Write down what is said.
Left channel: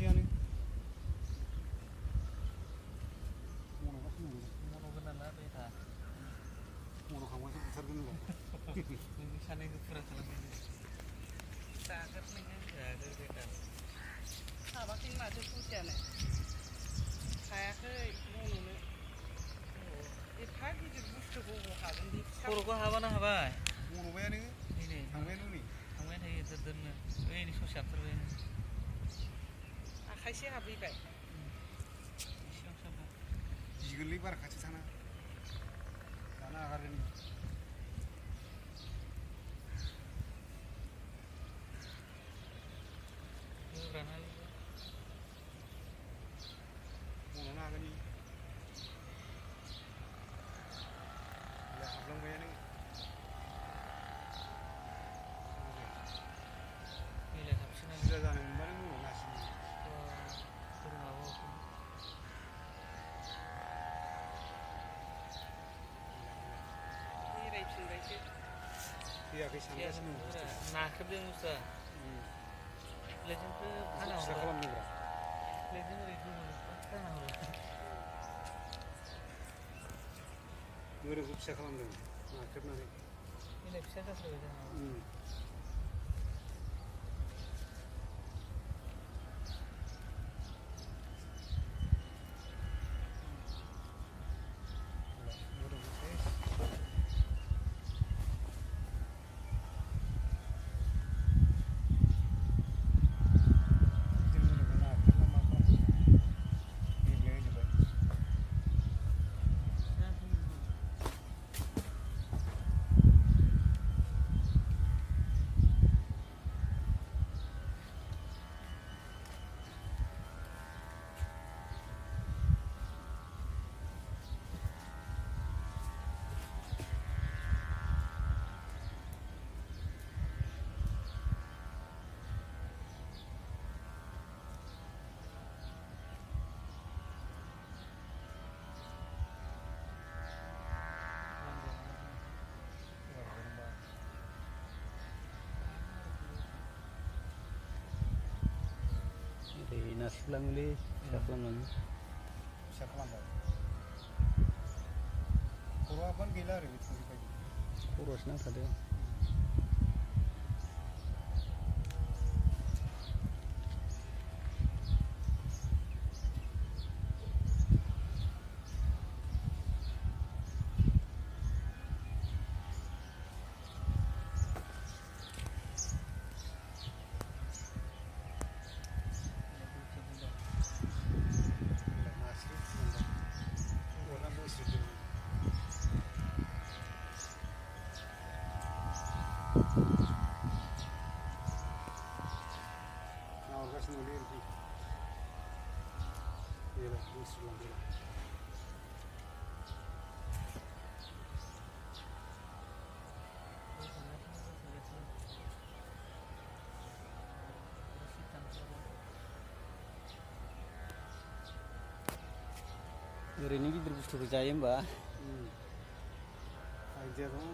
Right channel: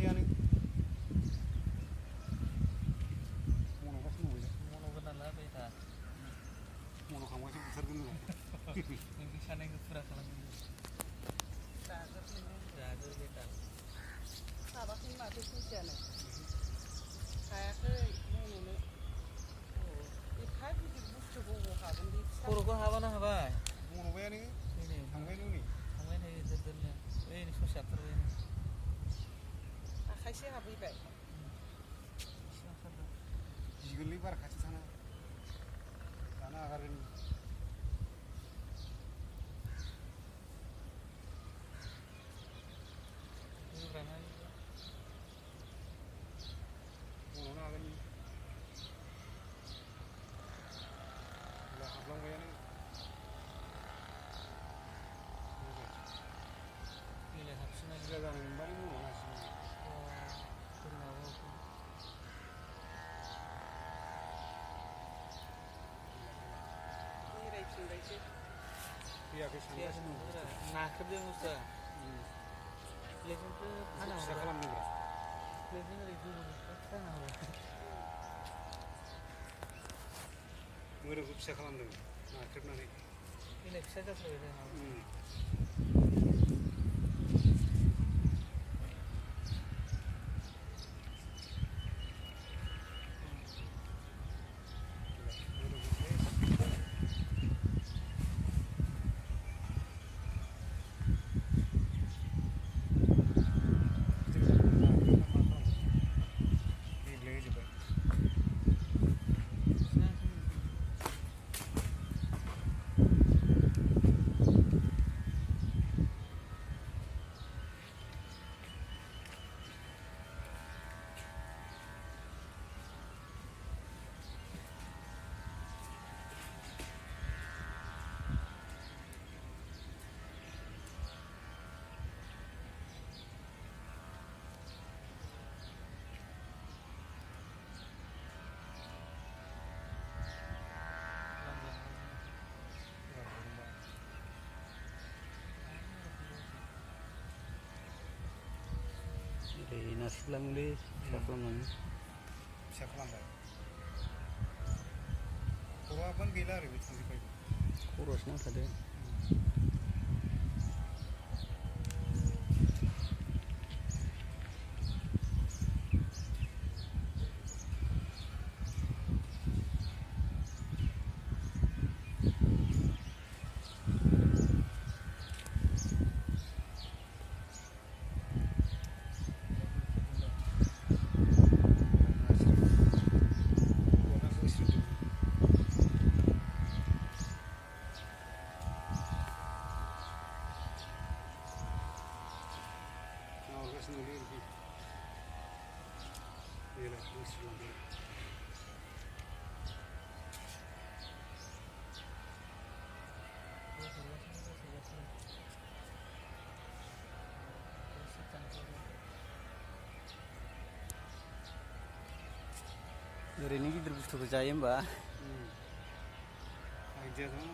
खावसेयानो मन'गासिनो दं मन'गोन नालाय बे दा मन'खांबासो बुथारगोन होनलाय नोंनि साननायखौ फुरा खालामनायनि जागोन नोङो जागोन बेटा हाबाखै माथो ससेयानो हायाखै मन'नो एफा गिदिर बुस्थुखौ अबाव हागोन बे खर'खौ हाबाना हाबाय मन'बायानो नै थांबायानो नै थांबाय थायो दोननो ओइ ससे हाबथारबायानो आखाइसे हाबहैबाय बेसेबां सानदों गिगोनलै बारा खाथियाव थाना दाना आगारगोन मन'नो हागोन हाबलांबायानो मिलाय हाबसिगोन बुरजा जानो मोनबानो मन'नो हासिगोन बेरायफिनबायसो फैयाखै सानगासिनो नाख्रेबदों बुस्थुआ प्लेटजोंसो फिसा खालामदोंब्रा प्लेटजों ओरै गोबोरखौ खाना होबाय मोदोमखौ फिसा खालामदों नाख्रेबनानै मिलाय फिसा जाथारबाय जोंना ओरै नारसिबलाङोलै फिसा खालामलाङो फिसा खालामबाय खर' हाबबानो गैला आरो बे थांजोब्बाय खर'आसो नांथादों नाहरगासिनो दंलै ओरैखै बेलाय मुस्रिलांबाय ओरैनो गिदिर बुस्थुखौ जायो होमबा आइडिया दं